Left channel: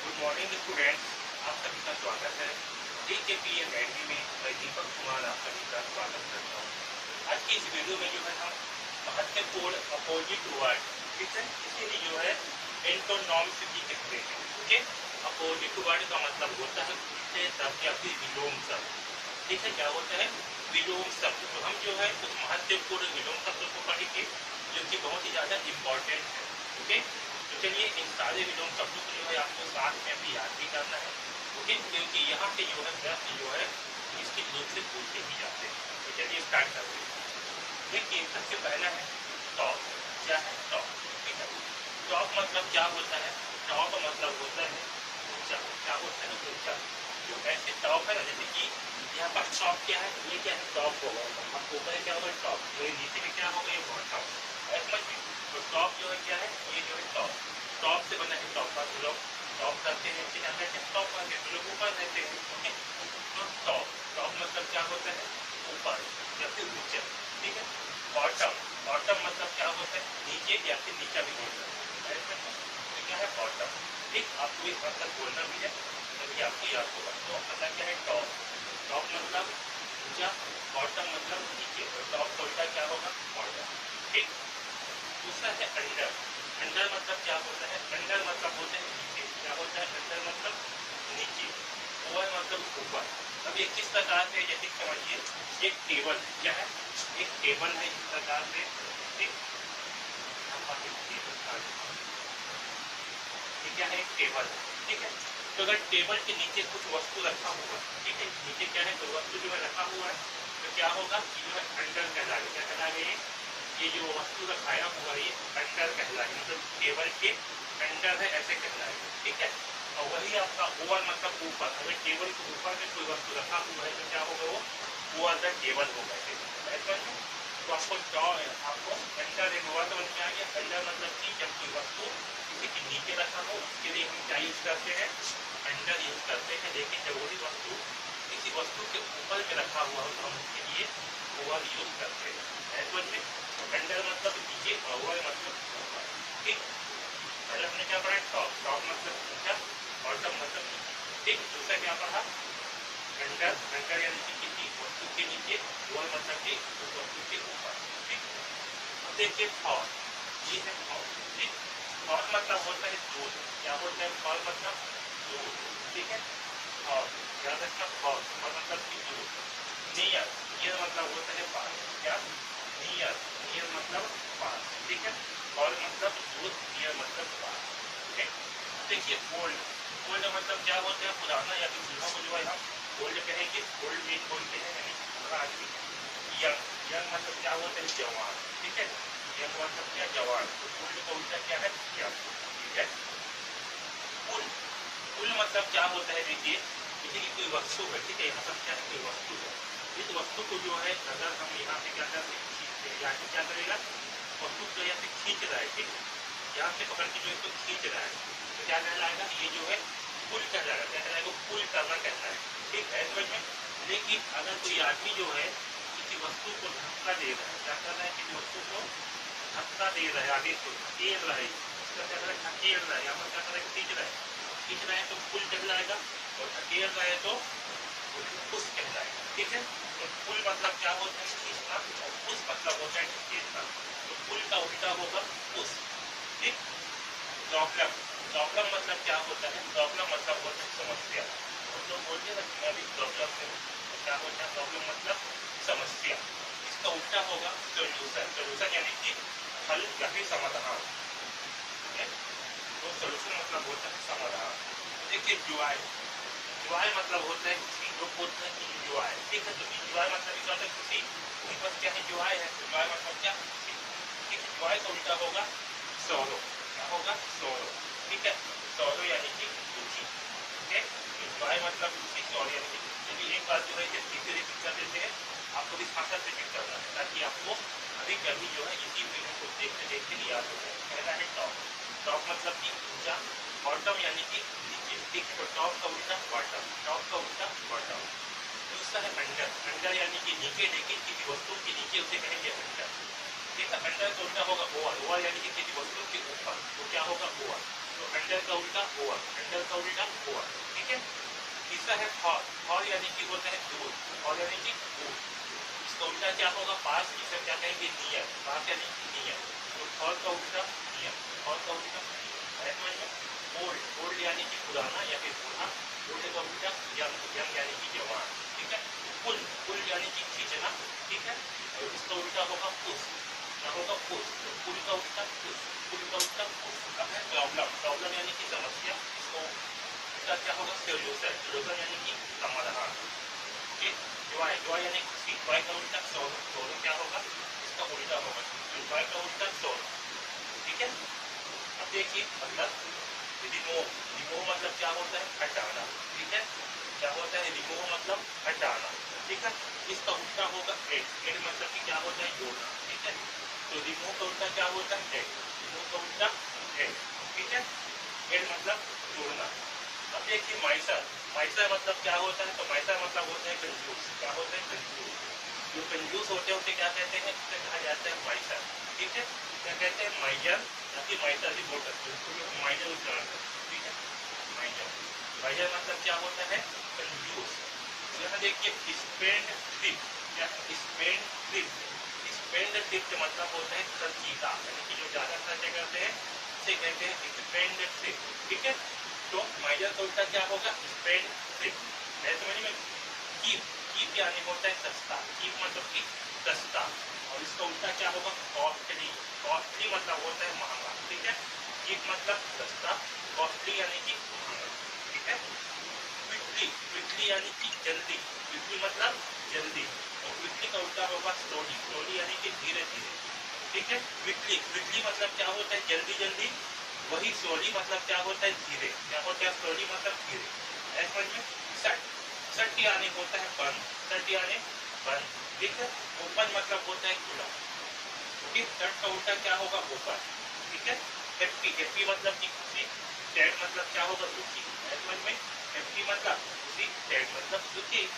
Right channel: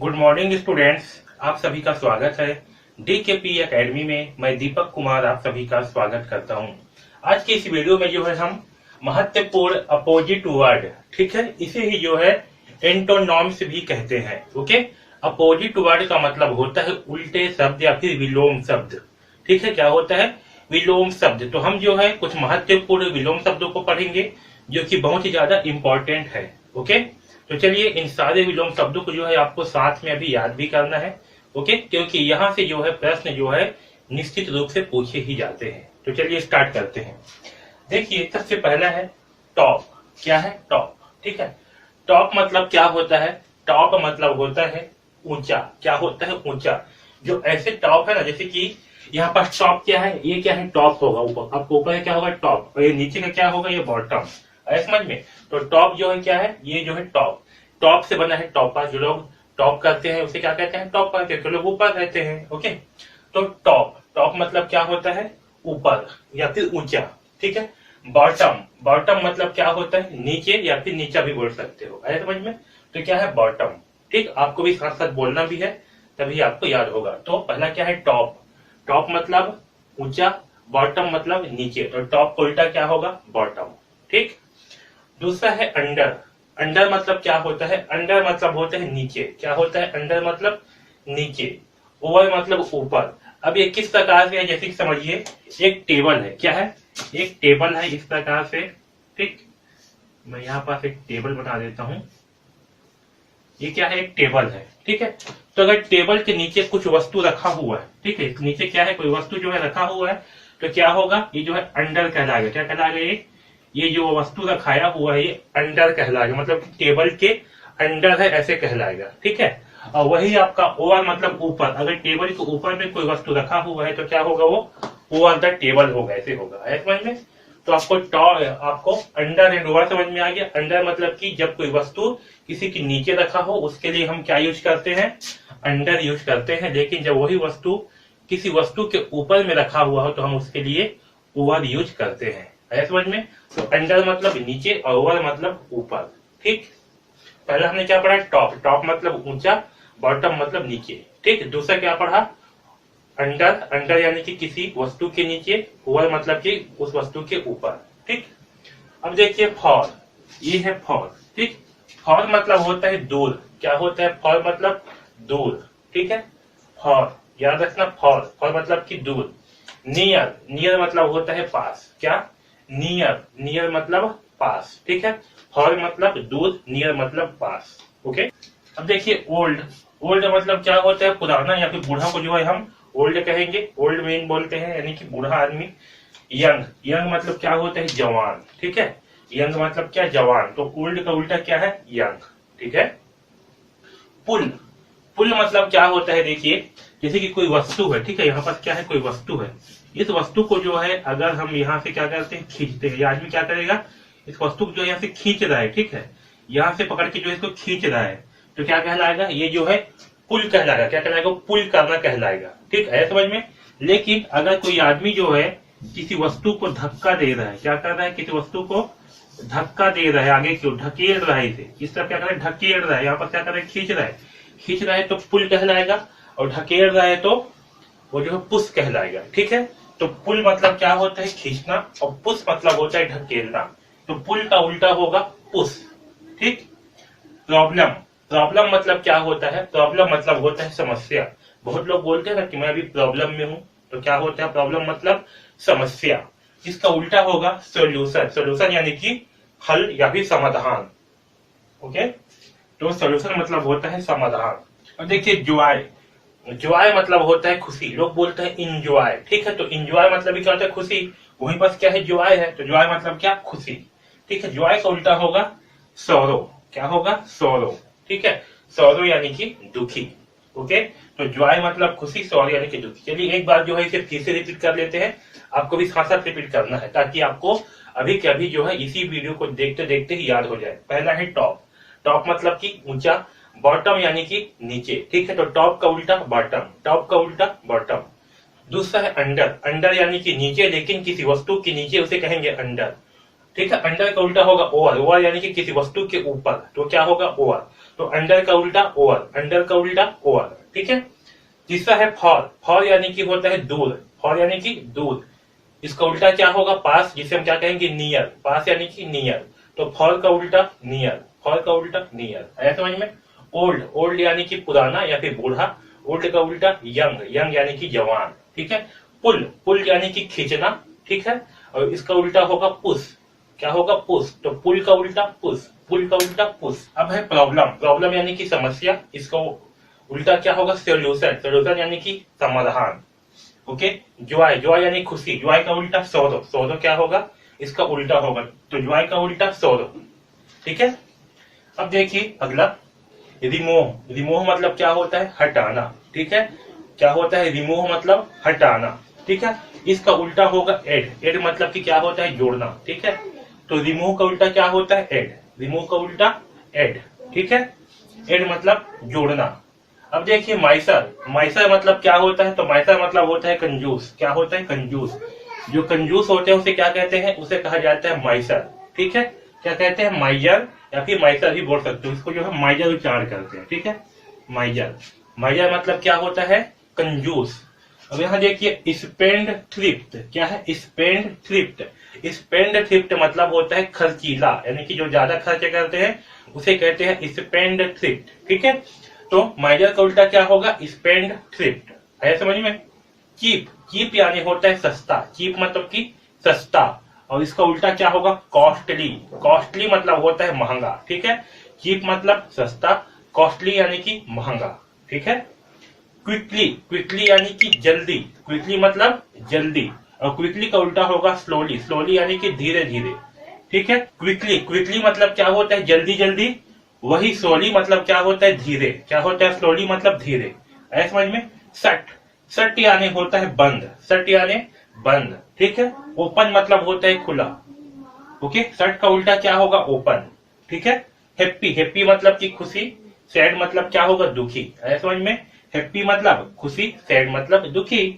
Good morning students, आप सभी का स्वागत है DKP एकेडमी में। मैं दीपक कुमार आप सभी का स्वागत करता हूं। आज की इस वीडियो में जो है हम महत्वपूर्ण अपोजिट वर्ड, ठीक है, इसे ही जो है एंटोनॉम्स भी कहते हैं। ओके, अपोजिट वर्ड का मतलब होता है उल्टे शब्द या फिर विलोम शब्द। ठीक है, क्या होता है? विलोम शब्द। तो हम जो है कुछ महत्वपूर्ण विलोम शब्दों को पढ़ेंगे जो कि बहुत ही ज्यादा इंपॉर्टेंट है। ओके, तो चलिए इन सारे विलोम शब्दों को जो है आपको साथ में अभी याद भी करना है। ओके, क्योंकि यहाँ से जो है प्रश्न जो है निश्चित रूप से पूछे ही जाते हैं। तो चलिए स्टार्ट करते हैं। देखिए, सबसे पहला है टॉप। क्या है? टॉप। ठीक है, टॉप मतलब क्या होता है? टॉप मतलब होता है ऊंचा। क्या होता है? ऊंचा। जो ऐसे टॉप है ना, जैसे कि यहाँ पर टॉप क्या है? ये क्या है? टॉप होगा ऊपर। अब ऊपर क्या होगा? टॉप। और ये नीचे का क्या होगा? ये बॉटम। है समझ में? तो टॉप जो है क्या है? ये जो है टॉप। टॉप से बना है टॉपर। जो लोग टॉप करते हैं उसे क्या कहते हैं? टॉपर कहते हैं। तो लोग ऊपर रहते हैं। ओके, तो टॉप। टॉप मतलब क्या होता है? ऊपर या फिर ऊंचा। ठीक है। बॉटम। बॉटम मतलब क्या होता है? नीचे या फिर नीचा भी बोल सकते हो। है समझ में? तो क्या है? बॉटम। ठीक, आपको भी साथ साथ बोलना भी है, तभी आपको याद होगा। तो पहला क्या है? टॉप। टॉप मतलब ऊंचा, बॉटम मतलब नीचे, और टॉप का उल्टा क्या होगा? बॉटम। ठीक। दूसरा है अंडर। अंडर मतलब क्या होता है? अंडर मतलब होता है नीचे। क्या होता है? अंडर मतलब नीचे। ओवर मतलब ऊपर। अब ये किस प्रकार से है, जैसे कि समझिए एक टेबल है। क्या है? एक टेबल है इस प्रकार से। ठीक, मैं यहाँ पर एक टेबल बना देता हूँ। ये क्या है? एक टेबल है। ठीक है, तो अगर टेबल के नीचे कुछ वस्तु रखा हुआ है, ठीक है, नीचे क्या है? कोई वस्तु जो है रखा हुआ है, तो क्या होगा? ये जो है अंडर कहलाएगा। क्या कहलाएगा? ये जो वस्तु रखाया हुआ है ये अंडर कहलाएगा, मतलब टेबल के अंडर है ऐसे कहलाएगा। ठीक है, और वही आपका ओवर मतलब ऊपर। अगर टेबल के ऊपर में कोई वस्तु रखा हुआ है तो क्या होगा? वो ओवर द टेबल होगा, ऐसे होगा। है समझ में? तो आपको अंडर एंड ओवर समझ में आ गया। अंडर मतलब कि जब कोई वस्तु किसी के नीचे रखा हो उसके लिए हम क्या यूज करते हैं? अंडर यूज करते हैं। लेकिन जब वही वस्तु किसी वस्तु के ऊपर में रखा हुआ हो तो हम उसके लिए ओवर यूज करते हैं। है समझ में? तो अंडर मतलब नीचे और ओवर मतलब ऊपर। ठीक, पहला हमने क्या पढ़ा? टॉप। टॉप मतलब ऊंचा, बॉटम मतलब नीचे। ठीक, दूसरा क्या पढ़ा? अंडर। अंडर यानी कि किसी वस्तु के नीचे, ओवर मतलब कि उस वस्तु के ऊपर। ठीक, अब देखिए फॉर। ये है फॉर। ठीक, फॉर मतलब होता है दूर। क्या होता है? फॉर मतलब दूर। ठीक है, फॉर याद रखना। फॉर फॉर मतलब कि दूर। नियर। नियर मतलब होता है पास। क्या? नियर। नियर मतलब पास। ठीक है, फॉर मतलब दूर, नियर मतलब पास। ओके, अब देखिए ओल्ड। ओल्ड मतलब क्या होता है? पुराना या फिर बूढ़ा को जो है हम ओल्ड कहेंगे। ओल्ड मैन बोलते हैं, यानी कि बूढ़ा आदमी। यंग। यंग मतलब क्या होता है? जवान। ठीक है, यंग मतलब क्या? जवान। तो ओल्ड का उल्टा क्या है? यंग। ठीक है। पुल। पुल मतलब क्या होता है? देखिए, जैसे कि कोई वस्तु है। ठीक है, यहाँ पर क्या है? कोई वस्तु है। इस वस्तु को जो है अगर हम यहाँ से क्या करते हैं? खींचते हैं। ये आदमी क्या करेगा? इस वस्तु को जो यहाँ से खींच रहा है, ठीक है, यहाँ से पकड़ के जो इसको खींच रहा है, तो क्या कहलाएगा? ये जो है पुल कहलाएगा। क्या कहलाएगा? पुल करना कहलाएगा। ठीक है, समझ में? लेकिन अगर कोई आदमी जो है किसी वस्तु को धक्का दे रहा है, क्या कर रहा है? किसी वस्तु को धक्का दे रहा है, आगे क्यों ढकेल रहा है इसे, इस तरफ क्या कर रहा है? ढकेल रहा है। यहाँ पर क्या कर रहा है? खींच रहा है। खींच रहा है तो पुल कहलाएगा, और ढकेल रहा है तो वो जो है पुश कहलाएगा। ठीक है, तो पुल मतलब क्या होता है? खींचना, और पुश मतलब होता है ढकेलना। तो पुल का उल्टा होगा पुश। ठीक, प्रॉब्लम। प्रॉब्लम मतलब क्या होता है? प्रॉब्लम मतलब होता है समस्या। बहुत लोग बोलते हैं ना कि मैं अभी प्रॉब्लम में हूँ, तो क्या होता है? प्रॉब्लम मतलब समस्या। जिसका उल्टा होगा सोल्यूशन। सोल्यूशन यानी कि हल या फिर समाधान। ओके, तो सोल्यूशन मतलब होता है समाधान। और देखिए जॉय। जॉय मतलब होता है खुशी। लोग बोलते हैं इंजॉय। ठीक है, तो इंजॉय मतलब भी क्या होता है? खुशी। वही बस क्या है? जॉय है। तो जॉय मतलब क्या? खुशी। ठीक है, जॉय का उल्टा होगा सौरो। क्या होगा? सौरो। ठीक है, सौरो यानी कि दुखी। ओके, तो जॉय मतलब खुशी, सौरो यानी कि दुखी। चलिए एक बार जो है इसे फिर से रिपीट कर लेते हैं। आपको भी साथ साथ रिपीट करना है ताकि आपको अभी के अभी जो है इसी वीडियो को देखते देखते ही याद हो जाए। पहला है टॉप। टॉप मतलब कि ऊंचा। बॉटम यानी कि नीचे। ठीक है, तो टॉप का उल्टा बॉटम। टॉप का उल्टा बॉटम। दूसरा है अंडर। अंडर यानी कि नीचे, लेकिन किसी वस्तु के नीचे उसे कहेंगे अंडर। ठीक है, अंडर का उल्टा होगा ओवर। ओवर यानी कि किसी वस्तु के ऊपर, तो क्या होगा? ओवर। तो अंडर का उल्टा ओवर, अंडर का उल्टा ओवर, ठीक है। तीसरा है फॉर, फॉर यानी कि होता है दूर, फॉर यानी कि दूर, इसका उल्टा क्या होगा पास, जिसे हम क्या कहेंगे नियर, पास यानी कि नियर, तो फॉर का उल्टा नियर, फॉर का उल्टा नियर, आया समझ में। ओल्ड, ओल्ड यानी कि पुराना या फिर बूढ़ा, ओल्ड का उल्टा यंग, यंग यानी कि जवान, ठीक है। पुल, पुल यानी कि खींचना, ठीक है, और इसका उल्टा होगा पुश, क्या होगा पुश, तो पुल का उल्टा पुश, पुल का उल्टा पुश। अब है प्रॉब्लम, प्रॉब्लम यानी कि समस्या, इसको उल्टा क्या होगा सोल्यूशन, सोल्यूशन यानी कि समाधान, ओके। जॉय, जॉय यानी खुशी, जॉय का उल्टा सौरो, सौरो क्या होगा, इसका उल्टा होगा, तो जॉय का उल्टा सौरो, ठीक है। अब देखिए अगला रिमूव, रिमूव मतलब क्या होता है हटाना, ठीक है, क्या होता है रिमूव मतलब हटाना, ठीक है। इसका उल्टा होगा एड, एड मतलब कि क्या होता है जोड़ना, ठीक है, तो रिमूव का उल्टा क्या होता है एड, रिमूव का उल्टा एड, ठीक है, एड मतलब जोड़ना। अब देखिए माइसर, माइसर मतलब क्या होता है, तो माइसर मतलब होता है कंजूस, क्या होता है कंजूस, जो कंजूस होते हैं उसे क्या कहते हैं, उसे कहा जाता है माइसर, ठीक है, क्या कहते हैं माइजर या फिर माइसर भी बोल सकते हो, इसको जो है माइजर उच्चारण करते हैं, ठीक है, माइजर, माइजर मतलब क्या होता है कंजूस। अब यहाँ देखिए स्पेंड थ्रिफ्ट, क्या है स्पेंड थ्रिफ्ट, स्पेंड थ्रिफ्ट मतलब होता है खर्चीला, यानी कि जो ज्यादा खर्च करते हैं उसे कहते हैं स्पेंड थ्रिफ्ट, ठीक है। तो माइजर का उल्टा क्या होगा स्पेंड थ्रिफ्ट, है समझ में। चीप, चीप यानी होता है सस्ता, चीप मतलब कि सस्ता, और इसका उल्टा क्या होगा कॉस्टली, कॉस्टली मतलब होता है महंगा, ठीक है, चीप मतलब सस्ता, कॉस्टली यानी कि महंगा, ठीक है। क्विकली, क्विकली यानी कि जल्दी, क्विकली मतलब जल्दी, और क्विकली का उल्टा होगा स्लोली, स्लोली यानी कि धीरे धीरे, ठीक है। क्विकली, क्विकली मतलब क्या होता है जल्दी जल्दी, वही स्लोली मतलब क्या होता है धीरे, क्या होता है स्लोली मतलब धीरे, ऐसे समझ में। सट, सट यानी होता है बंद, सट यानी बंद, ठीक है। ओपन मतलब होता है खुला, ओके, सट का उल्टा क्या होगा ओपन, ठीक है। हैप्पी, हैप्पी मतलब की खुशी, सैड मतलब क्या होगा दुखी, है समझ में। हैप्पी मतलब खुशी, सैड मतलब दुखी।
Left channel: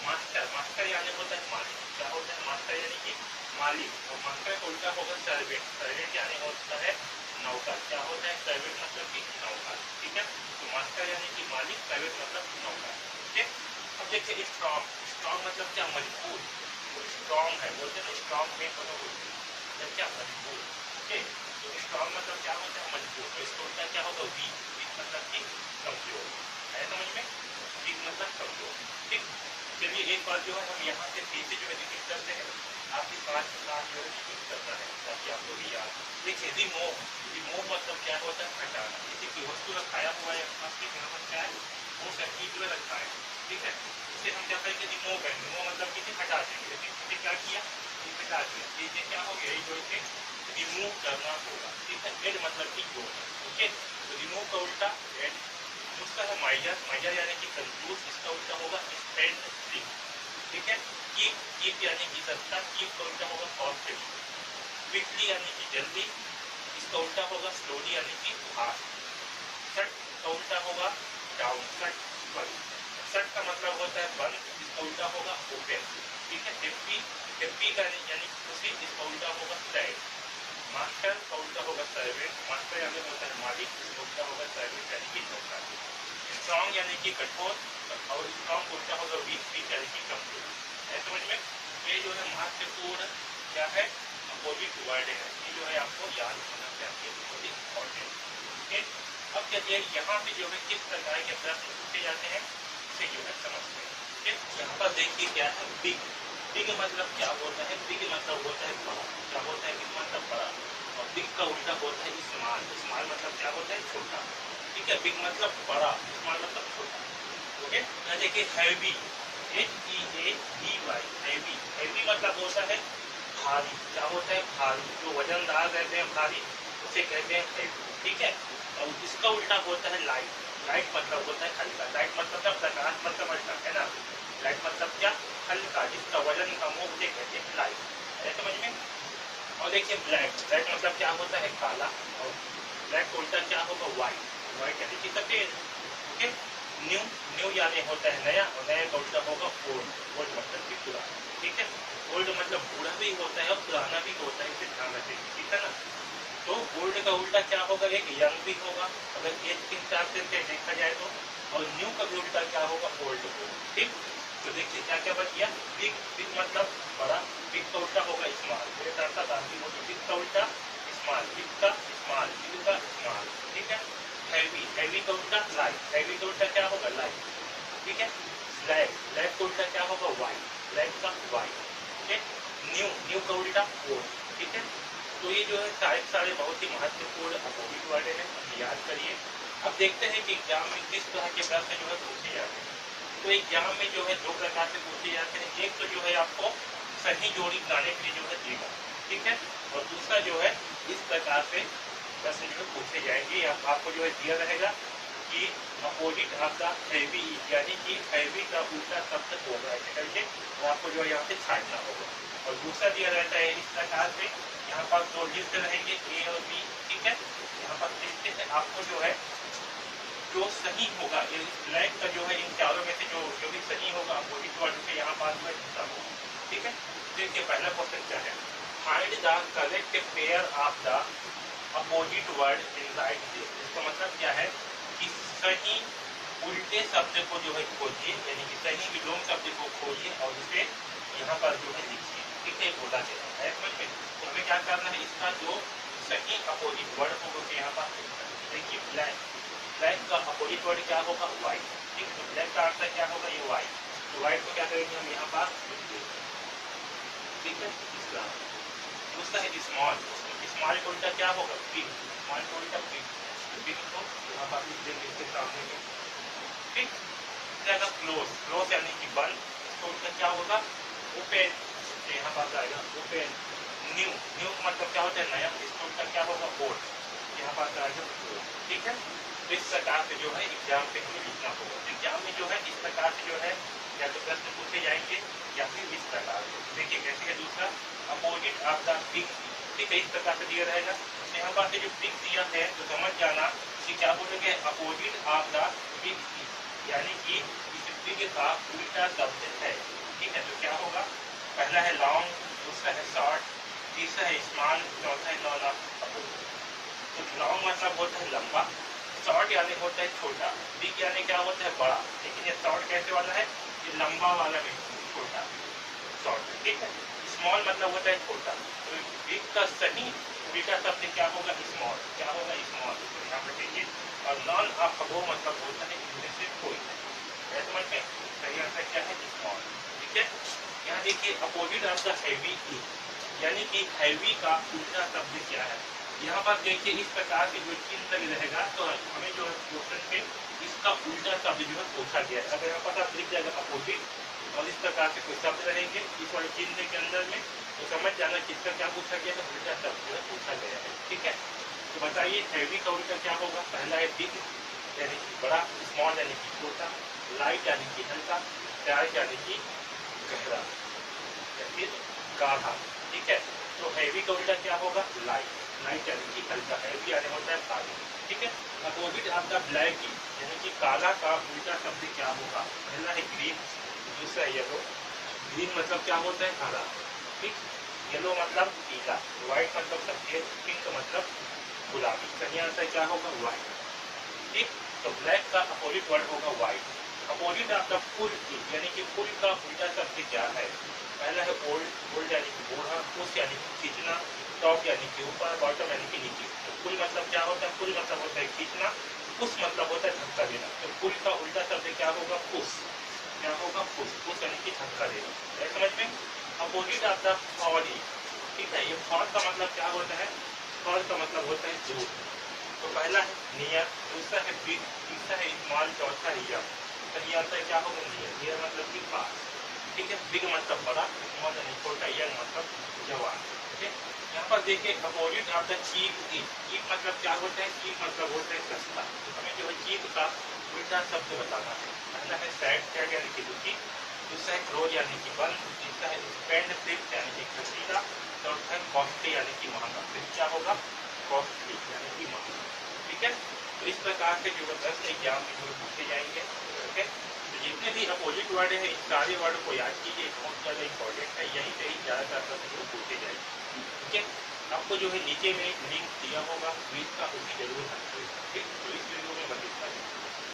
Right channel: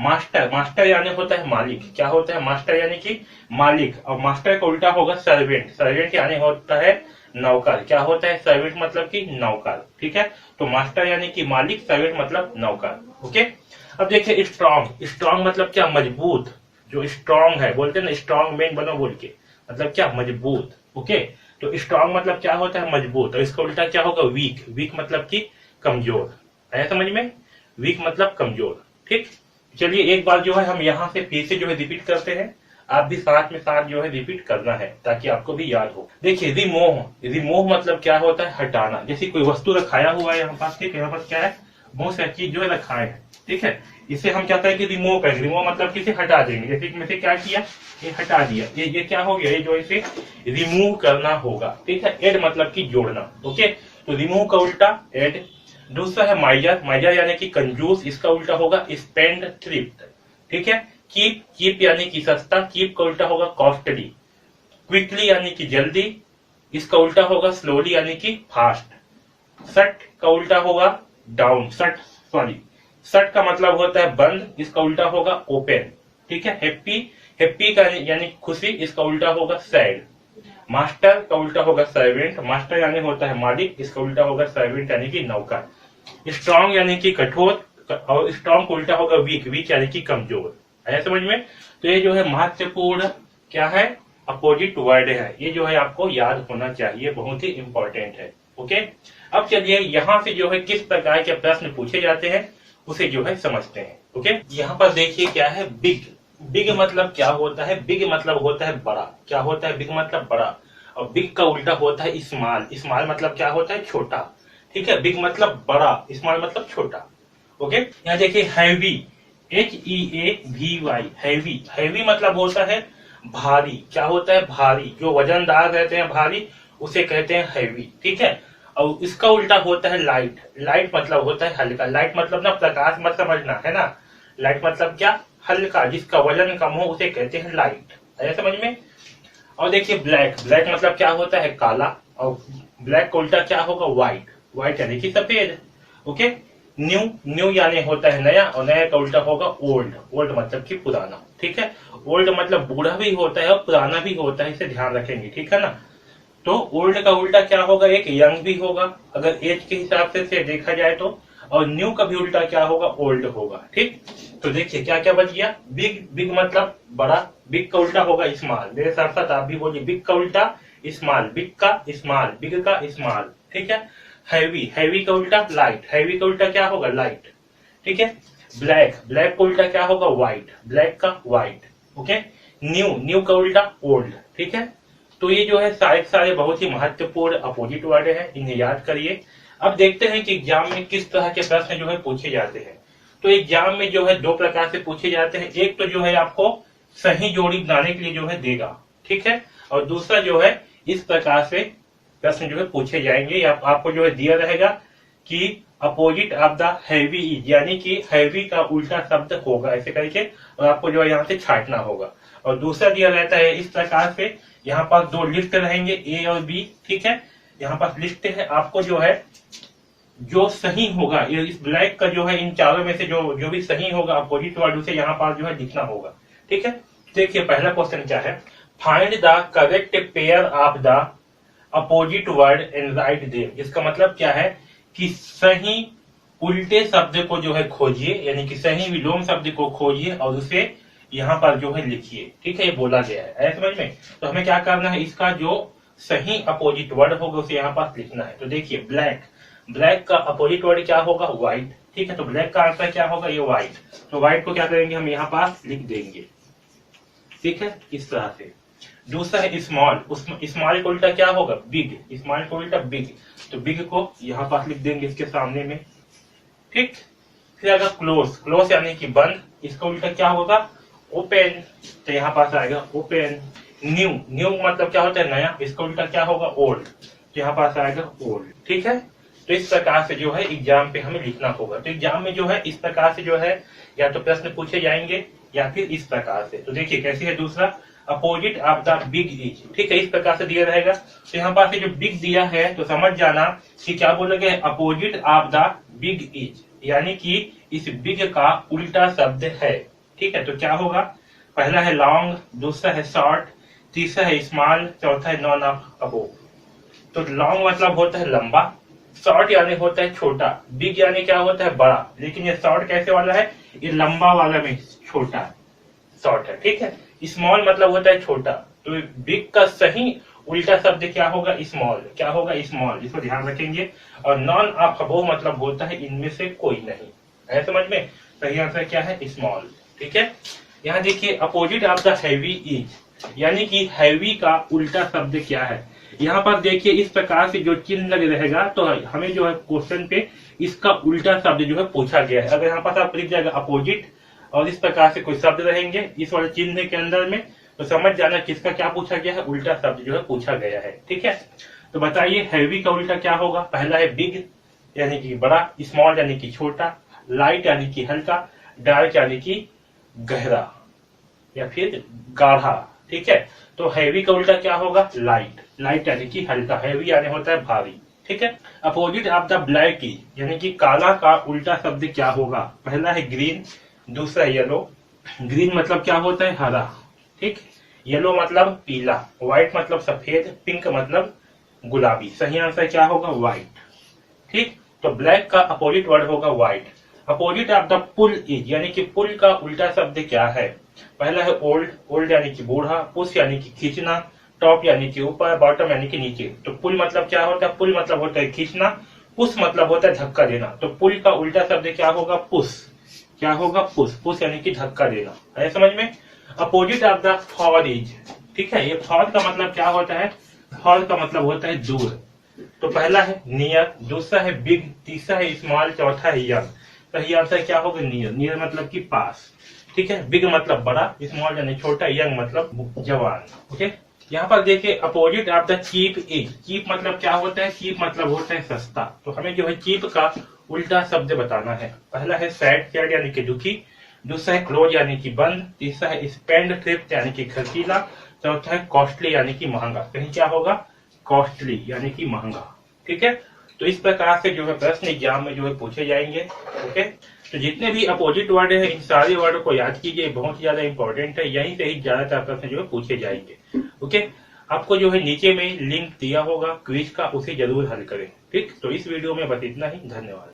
मास्टर, मास्टर यानी होता है मालिक, क्या होता है मास्टर यानी कि मालिक, और मास्टर का उल्टा होगा सर्वेंट, सर्वेंट यानी होता है नौकर, क्या होता है सर्वेंट मतलब कि नौकर, ठीक है। तो मास्टर यानी कि मालिक, सर्वेंट मतलब नौकर, ओके। अब देखिए स्ट्रॉन्ग, स्ट्रॉन्ग मतलब क्या मजबूत, जो स्ट्रॉन्ग है बोलते हैं ना स्ट्रॉन्ग मैन बनो बोल के, मतलब क्या मजबूत, ओके। तो स्ट्रॉन्ग मतलब क्या होता है मजबूत, और इसका उल्टा क्या होगा वीक, वीक मतलब कि कमजोर, है समझ में, वीक मतलब कमजोर, ठीक। चलिए एक बार जो है हम यहाँ से फिर से जो है रिपीट करते हैं, आप भी साथ में साथ जो है रिपीट करना है ताकि आपको भी याद हो। देखिए रिमूव, रिमूव मतलब क्या होता है हटाना, जैसे कोई वस्तु रखाया हुआ है यहाँ पास, ठीक है, यहाँ पास क्या है बहुत सारी चीज जो है रखा है, ठीक है, इसे हम क्या करेंगे रिमूव करेंगे, रिमूव मतलब किसे हटा देंगे, जैसे में से क्या किया ये हटा दिया, ये क्या हो गया, ये जो इसे रिमूव करना होगा, ठीक है। एड मतलब कि जोड़ना, ओके, तो रिमूव का उल्टा एड। दूसरा है माइजर, माइजर यानी कि कंजूस, इसका उल्टा होगा स्पेंड थ्रिफ्ट, ठीक है। कीप, कीप यानी कि सस्ता, कीप का उल्टा होगा कॉस्टली। क्विकली यानी कि जल्दी, इसका उल्टा होगा स्लोली यानी कि फास्ट। सट का उल्टा होगा डाउन, सट सॉरी, सट का मतलब होता है बंद, इसका उल्टा होगा ओपन, ठीक है। हैप्पी, हैप्पी का यानी खुशी, इसका उल्टा होगा सैड। मास्टर का उल्टा होगा सर्वेंट, मास्टर यानी होता है मालिक, इसका उल्टा होगा सर्वेंट यानी कि नौकर। स्ट्रॉन्ग यानी कि कठोर, और स्ट्रॉन्ग का उल्टा होगा वीक, वीक यानी कि कमजोर, है समझ में। तो ये जो है महत्वपूर्ण क्या है अपोजिट वर्ड है, ये जो है आपको याद होना चाहिए, बहुत ही इंपॉर्टेंट है, ओके। अब चलिए यहाँ से जो है किस प्रकार के प्रश्न पूछे जाते हैं उसे जो है समझते हैं, ओके। यहाँ पर देखिए क्या है बिग, बिग मतलब क्या होता है, बिग मतलब होता है बड़ा, क्या होता है बिग मतलब बड़ा, और बिग का उल्टा होता है स्मॉल, स्मॉल मतलब क्या होता है छोटा, ठीक है। बिग मतलब बड़ा, स्मॉल मतलब छोटा, ओके। यहाँ देखिए हैवी, HEAVY, हैवी, हैवी मतलब होता है भारी, क्या होता है भारी, जो वजनदार रहते हैं भारी उसे कहते हैं हैवी, ठीक है। और इसका उल्टा होता है लाइट, लाइट मतलब होता है हल्का, लाइट मतलब ना प्रकाश मत समझना है ना, लाइट मतलब क्या हल्का, जिसका वजन कम हो उसे कहते हैं लाइट, है समझ में। और देखिए ब्लैक, ब्लैक मतलब क्या होता है काला, और ब्लैक का उल्टा क्या होगा व्हाइट, व्हाइट यानी कि सफेद, ओके। न्यू, न्यू यानी होता है नया, और नया का उल्टा होगा ओल्ड, ओल्ड मतलब कि पुराना, ठीक है। ओल्ड मतलब बूढ़ा भी होता है और पुराना भी होता है, इसे ध्यान रखेंगे, ठीक है ना। तो ओल्ड का उल्टा क्या होगा, एक यंग भी होगा अगर एज के हिसाब से देखा जाए तो, और न्यू का भी उल्टा क्या होगा, ओल्ड होगा। ठीक, तो देखिए क्या क्या बच गया। बिग, बिग मतलब बड़ा, बिग का उल्टा होगा स्मॉल। मेरे साथ साथ आप भी बोलिए, बिग का उल्टा स्मॉल, बिग का स्मॉल, बिग का स्मॉल। ठीक है। हैवी, हैवी का उल्टा लाइट, हैवी का उल्टा क्या होगा, लाइट। ठीक है। ब्लैक, ब्लैक का उल्टा क्या होगा, व्हाइट, ब्लैक का व्हाइट। ओके। न्यू, न्यू का उल्टा ओल्ड। ठीक है। तो ये जो है सारे बहुत ही महत्वपूर्ण अपोजिट वर्ड है, इन्हें याद करिए। अब देखते हैं कि एग्जाम में किस तरह के प्रश्न जो है पूछे जाते हैं। तो एग्जाम में जो है दो प्रकार से पूछे जाते हैं। एक तो जो है आपको सही जोड़ी बनाने के लिए जो है देगा, ठीक है, और दूसरा जो है इस प्रकार से प्रश्न जो है पूछे जाएंगे। आपको जो है दिया रहेगा कि opposite of the heavy is, यानी कि हैवी का उल्टा शब्द होगा ऐसे करके, और आपको जो है यहाँ से छांटना होगा। और दूसरा दिया रहता है इस प्रकार से, यहाँ पास दो लिस्ट रहेंगे ए और बी। ठीक है। यहाँ पास लिस्ट है, आपको जो है जो सही होगा, ये इस ब्लैक का जो है इन चारों में से जो भी सही होगा अपोजिट वर्ड, उसे यहाँ पास जो है लिखना होगा। ठीक है। देखिए पहला क्वेश्चन क्या है, find the correct pair of the opposite word and write there. इसका मतलब क्या है कि सही उल्टे शब्द को जो है खोजिए, यानी कि सही विलोम शब्द को खोजिए और उसे यहाँ पर जो है लिखिए। ठीक है, ये बोला गया है समझ में। तो हमें क्या करना है, इसका जो सही अपोजिट वर्ड होगा उसे यहाँ पास लिखना है। तो देखिए ब्लैक, ब्लैक का अपोजिट वर्ड क्या होगा, व्हाइट। ठीक है, तो ब्लैक का आंसर क्या होगा, ये व्हाइट। तो व्हाइट को क्या करेंगे, हम यहाँ पास लिख देंगे। ठीक है, इस तरह से। दूसरा है स्मॉल, स्मॉल को उल्टा क्या होगा, बिग, स्मॉल को उल्टा बिग। तो बिग को यहाँ पास लिख देंगे इसके सामने में। ठीक। फिर अगर क्लोज, क्लोज यानी कि बंद, इसका उल्टा क्या होगा, ओपन। तो यहाँ पास आएगा ओपन। न्यू, न्यू मतलब क्या होता है, नया, इसका उल्टा क्या होगा, ओल्ड। तो यहाँ पास आएगा ओल्ड। ठीक है। तो इस प्रकार से जो है एग्जाम पे हमें लिखना होगा। तो एग्जाम में जो है इस प्रकार से जो है या तो प्रश्न पूछे जाएंगे या फिर इस प्रकार से। तो देखिए कैसे है दूसरा, opposite of the big E. ठीक है, इस प्रकार से दिया रहेगा। तो यहाँ पास जो बिग दिया है तो समझ जाना कि क्या बोलोगे, opposite of the big E, यानी कि इस बिग का उल्टा शब्द है। ठीक है, तो क्या होगा, पहला है लॉन्ग, दूसरा है शॉर्ट, तीसरा है स्मॉल, चौथा है नॉन ऑफ अबोव। तो लॉन्ग मतलब होता है लंबा, शॉर्ट यानी होता है छोटा, बिग यानी क्या होता है बड़ा। लेकिन ये शॉर्ट कैसे वाला है, ये लंबा वाला में छोटा शॉर्ट है। ठीक है। स्मॉल मतलब होता है छोटा। तो बिग का सही उल्टा शब्द क्या होगा, स्मॉल। क्या होगा, स्मॉल, इसको ध्यान रखेंगे। और नॉन ऑफ अबोव मतलब होता है इनमें से कोई नहीं है, समझ में। सही आंसर क्या है, स्मॉल। ठीक है। यहाँ देखिए opposite of the heavy is, यानी कि हैवी का उल्टा शब्द क्या है। यहाँ पर देखिए इस प्रकार से जो चिन्ह लगे रहेगा तो हमें जो है क्वेश्चन पे इसका उल्टा शब्द जो है पूछा गया है। अगर यहाँ पर आप लिख जाएगा अपोजिट और इस प्रकार से कोई शब्द रहेंगे इस वाले चिन्ह के अंदर में, तो समझ जाना किसका क्या पूछा गया है, उल्टा शब्द जो है पूछा गया है। ठीक है। तो बताइए हैवी का उल्टा क्या होगा, पहला है बिग यानी कि बड़ा, स्मॉल यानी कि छोटा, लाइट यानी कि हल्का, डार्क यानी कि गहरा या फिर गाढ़ा। ठीक है। तो हैवी का उल्टा क्या होगा, लाइट, लाइट यानी कि हल्का, हैवी यानी होता है भारी। ठीक है। Opposite of the black is, यानी कि काला का उल्टा शब्द क्या होगा, पहला है ग्रीन, दूसरा है येलो। ग्रीन मतलब क्या होता है, हरा। ठीक। येलो मतलब पीला, व्हाइट मतलब सफेद, पिंक मतलब गुलाबी। सही आंसर क्या होगा, व्हाइट। ठीक। तो ब्लैक का अपोजिट वर्ड होगा white. Opposite of the pull is, यानी कि पुल का उल्टा शब्द क्या है, पहला है ओल्ड, ओल्ड यानी कि बूढ़ा, पुश यानी कि खींचना, टॉप यानी कि ऊपर, बॉटम यानी कि नीचे। तो पुल मतलब क्या होता है, पुल मतलब होता है खींचना, पुश मतलब होता है धक्का देना। तो पुल का उल्टा शब्द क्या होगा, पुश। क्या होगा, पुश, पुश यानी कि धक्का देना, है समझ में। Opposite of the for is, ठीक है, ये फॉर का मतलब क्या होता है, फॉर का मतलब होता है दूर। तो पहला है नियर, दूसरा है बिग, तीसरा है स्मॉल, चौथा है यंग। तो ये आंसर क्या होगा, नियर। नियर मतलब कि पास। ठीक है। बिग मतलब बड़ा, स्मॉल यानी छोटा, यंग मतलब जवान। ठीक है। यहाँ पर देखिए opposite of the cheap is, cheap मतलब क्या होता है, चीप मतलब होता है सस्ता। तो हमें जो है चीप का उल्टा शब्द बताना है। पहला है सैड, सैड यानी कि दुखी, दूसरा है क्लोज यानी कि बंद, तीसरा है स्पेंड थ्रिफ्ट यानी कि खर्चीला, चौथा है कॉस्टली यानी कि महंगा। कहीं क्या होगा, कॉस्टली यानी कि महंगा। ठीक है। तो इस प्रकार से जो है प्रश्न एग्जाम में जो है पूछे जाएंगे। ओके। तो जितने भी अपोजिट वर्ड है इन सारे वर्ड को याद कीजिए, बहुत ज्यादा इंपॉर्टेंट है, यहीं से ही ज्यादातर प्रश्न जो है पूछे जाएंगे। ओके। आपको जो है नीचे में लिंक दिया होगा क्विज का, उसे जरूर हल करें। ठीक, तो इस वीडियो में बस इतना ही। धन्यवाद।